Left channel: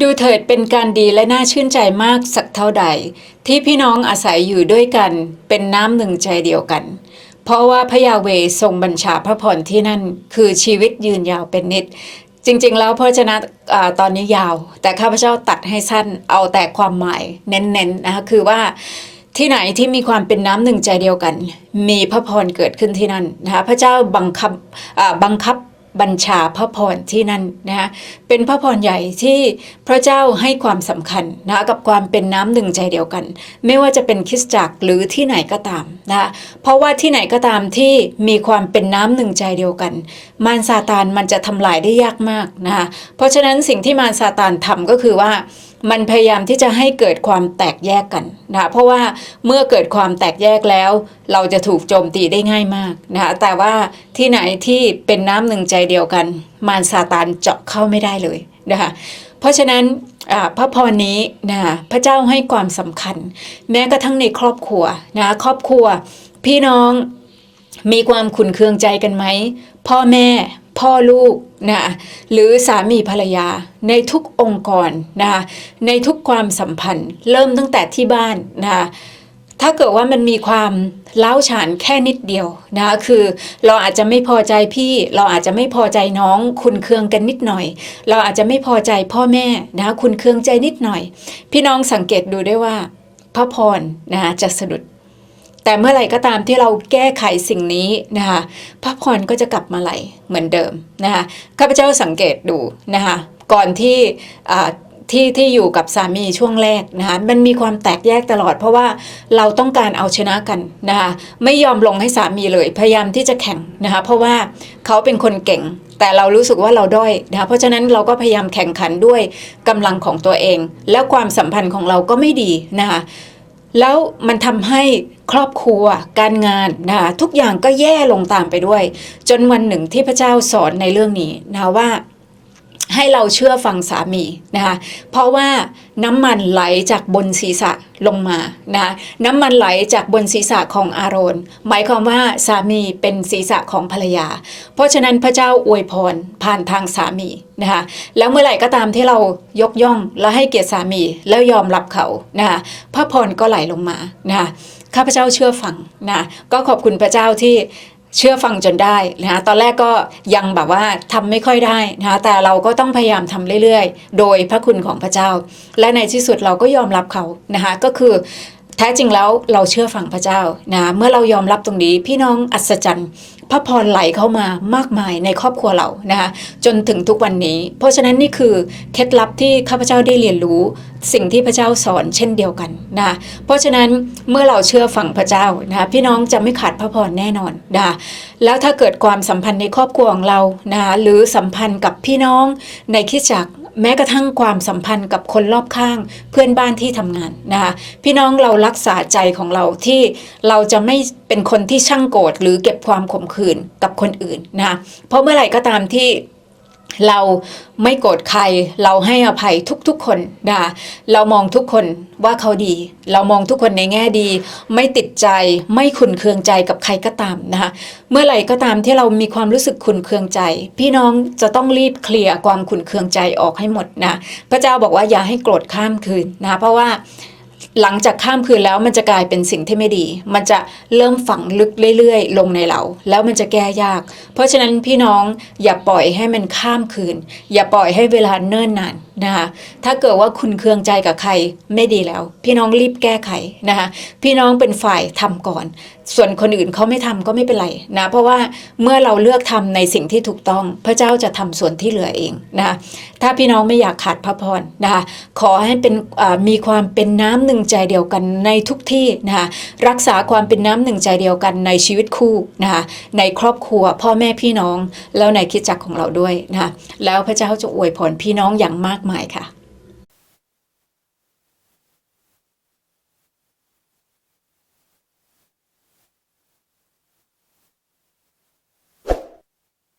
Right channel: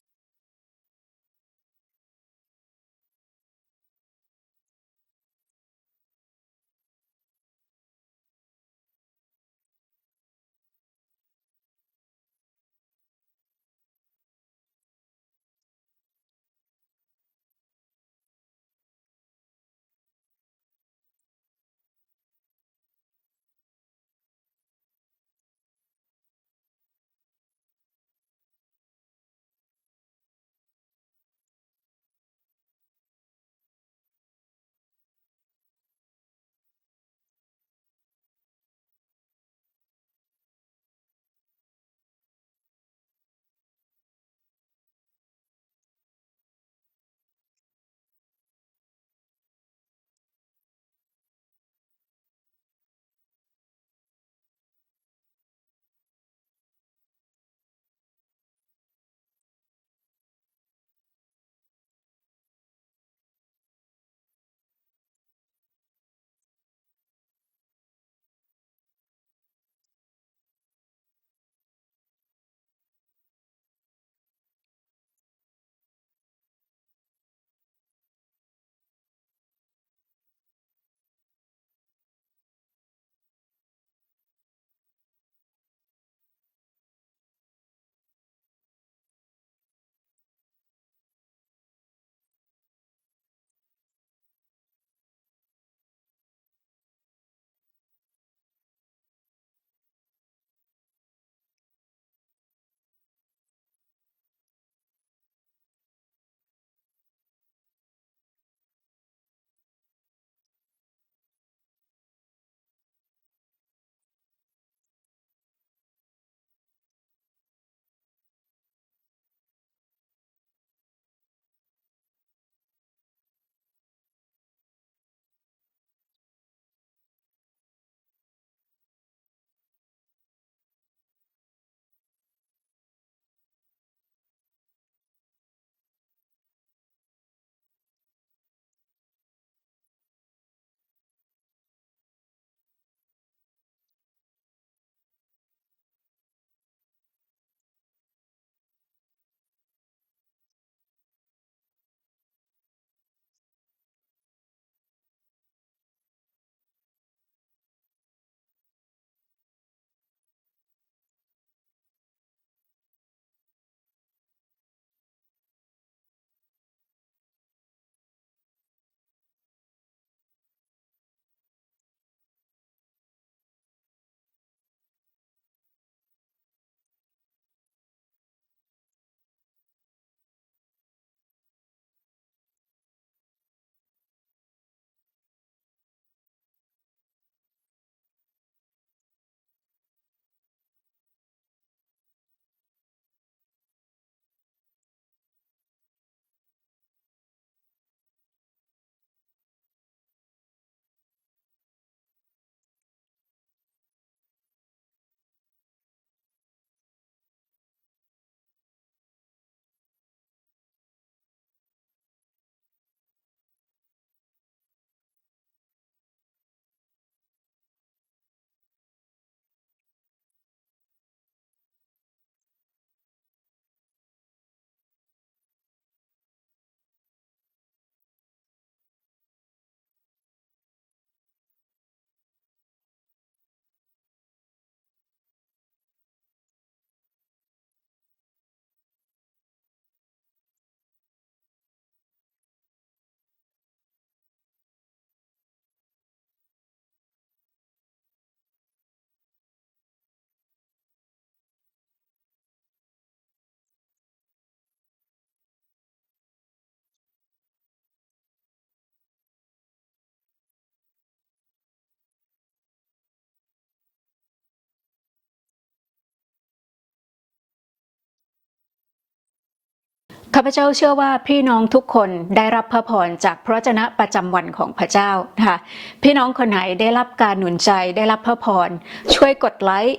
ดูเถิดเป็นการดีและน่าชื่นใจมากสักเท่าใด ที่พี่น้องอาศัยอยู่ด้วยกันเป็นน้ำหนึ่งใจเดียวกัน เพราะว่าพระยาเวทรงบัญชาพระพรที่นั่น คือชีวิตยืนยาวเป็นนิด จริงๆ แล้วพระชนะอ่าตอนนี้ยาว แต่ข้าพเจ้าตัดให้สั้นเอาแต่ความหมายเน้นๆนะคะคือว่าที่ไหนที่มีความเป็นน้ำหนึ่งใจเดียวกัน มีพระพรเกิดขึ้นที่นั่นนะคะพระเจ้าบังคับบังคับ บัญชาพระพรที่นั่นนะคะเป็นพระพรใหญ่ที่พระเจ้าให้ความสำคัญนะกับความเป็นน้ำหนึ่งใจเดียวกัน ไม่ว่าจะเป็นคริสตจักรหรือที่ไหนก็ตามนะเพราะว่าที่ไหนก็ตามที่มีความเป็นน้ำหนึ่งใจเดียวกัน มารซาตานมันจะทำลายได้ยากมากนะคะเพราะฉะนั้นสิ่งที่มารซาตานทำก็คือว่า มันพยายามที่จะให้เกิดความแตกแยกกันนะคะเพราะว่าเมื่อเกิดความแตกแยกแล้ว เราจะถูกโจมตีได้ง่ายมากนะคะแต่ว่าที่ไหนที่เป็นน้ำหนึ่งใจเดียวกัน มารซาตานเจาะเข้าไม่ได้เลยนะคะเพราะฉะนั้นอ่าพระพรนี้นะคะพระเจ้าให้ความสำคัญ แม้กระทั่งในครอบครัวนะคะครอบครัว พี่น้องมีความขุนเคืองใจกันไหมพ่อแม่ พ่อลูกนะหรือสามีภรรยา ในทุกองค์กรนะในทุกความสัมพันธ์ เริ่มตั้งแต่ที่บ้านนะถ้าเกิดว่ามันมีความเล้าฉานแค่นิดเดียวนะคือเราอาจจะไม่พอใจพี่ เราอาจจะไม่พอใจน้องคุณเคืองกันนิดหน่อย เราอาจจะไม่พอใจพ่อแม่นะคุณเคืองใจนิดหน่อย พี่น้องสังเกตดูได้ว่าพระพรนะจะสะดุด แต่เมื่อไหร่ก็ตามที่เราแก้ไขสิ่งนี้นะคะพระพรก็จะกลับมาไหลเหมือนเดิมนะคะข้าพเจ้าสังเกตดูนะคะก่อนที่ที่ที่อยู่กับสามีช่วงแรกนะคะมันมีความแตกแยกตลอด เพราะว่าเราต้องการเอาชนะกันนะคะไม่ยอมลงให้สามีเลย พยายามที่จะแข่งนะคะเพราะว่าเขาเป็นคนเก่ง แต่เรารู้สึกว่าเราด้อยนะคะเพราะฉะนั้นเราก็พยายามแข่งขันด้วยกำลังของตัวเอง แล้วความสัมพันธ์ของเราก็ไม่ดีนะคะ แล้วมันทำให้ครอบครัวการงานนะคะทุกอย่างก็แย่ลงตามไปด้วย จนวันหนึ่งที่พระเจ้าสอนในเรื่องนี้นะคะว่า ให้เราเชื่อฟังสามีนะคะเพราะว่าน้ำมันไหลจากบนศีรษะลงมานะ,ะน้ำมันไหลจากบนศีรษะของอาโรนหมายความว่าสามีเป็นศีรษะของภรรยา เพราะฉะนั้นพระเจ้าอวยพรผ่านทางสามีนะคะแล้วเมื่อไหร่ก็ตามที่เรายกย่องและให้เกียรติสามีแล้วยอมรับเขานะคะพระพรก็ไหลลงมานะคะข้าพเจ้าเชื่อฟังนะก็ขอบคุณพระเจ้าที่ เชื่อฟังจนได้นะคะตอนแรกก็ยังแบบว่าทำไม่ค่อยได้นะคะแต่เราก็ต้องพยายามทำเรื่อยๆ โดยพระคุณของพระเจ้า และในที่สุดเราก็ยอมรับเขานะคะก็คือ แท้จริงแล้วเราเชื่อฟังพระเจ้านะเมื่อเรายอมรับตรงนี้พี่น้องอัศจรรย์พระพรไหลเข้ามามากมายในครอบครัวเรานะคะจนถึงทุกวันนี้ เพราะฉะนั้นนี่คือเคล็ดลับที่ข้าพเจ้าได้เรียนรู้ สิ่งที่พระเจ้าสอนเช่นเดียวกันนะเพราะฉะนั้นเมื่อเราเชื่อฟังพระเจ้านะพี่น้องจะไม่ขาดพระพรแน่นอนนะแล้วถ้าเกิดความสัมพันธ์ในครอบครัวของเรานะหรือสัมพันธ์กับพี่น้องในคิดจักร แม้กระทั่งความสัมพันธ์กับคนรอบข้างเพื่อนบ้านที่ทำงานนะคะพี่น้องเรารักษาใจของเราที่เราจะไม่เป็นคนที่ช่างโกรธหรือเก็บความขมขื่นกับคนอื่นนะคะเพราะเมื่อไหร่ก็ตามที่ เราไม่โกรธใคร เราให้อภัยทุกๆคนนะเรามองทุกคนว่าเขาดี เรามองทุกคนในแง่ดี ไม่ติดใจ ไม่ขุนเคืองใจกับใครก็ตามนะคะเมื่อไหร่ก็ตามที่เรามีความรู้สึกขุนเคืองใจ พี่น้องจะต้องรีบเคลียร์ความขุนเคืองใจออกให้หมดนะพระเจ้าบอกว่าอย่าให้โกรธข้ามคืนนะเพราะว่า หลังจากข้ามคืนแล้วมันจะกลายเป็นสิ่งที่ไม่ดี มันจะเริ่มฝังลึกเรื่อยๆ ลงในเรา แล้วมันจะแก้ยาก เพราะฉะนั้นพี่น้องอย่าปล่อยให้มันข้ามคืน อย่าปล่อยให้เวลาเนิ่นนาน นะคะถ้าเกิดว่าคุณเคืองใจกับใครไม่ดีแล้ว พี่น้องรีบแก้ไขนะคะพี่น้องเป็นฝ่ายทำก่อน ส่วนคนอื่นเขาไม่ทำก็ไม่เป็นไรนะเพราะว่าเมื่อเราเลือกทำในสิ่งที่ถูกต้อง พระเจ้าจะทำส่วนที่เหลือเองนะคะถ้าพี่น้องไม่อยากขาดพระพรนะคะขอให้เป็นมีความเป็นน้ำหนึ่งใจเดียวกันในทุกที่นะคะรักษาความเป็นน้ำหนึ่งใจเดียวกันในชีวิตคู่นะคะในครอบครัวพ่อแม่พี่น้องแล้วในคิดจักของเราด้วยนะคะแล้วพระเจ้าจะอวยพรพี่น้องอย่างมากมายค่ะข้าพเจ้าเชื่อว่าพี่น้องทุกคนได้รับพระพรจากพระเจนะประจำวันของพระเจ้านะคะพี่น้องคนไหนได้รับการหนุนใจได้รับพระพรช่วยกดไลค์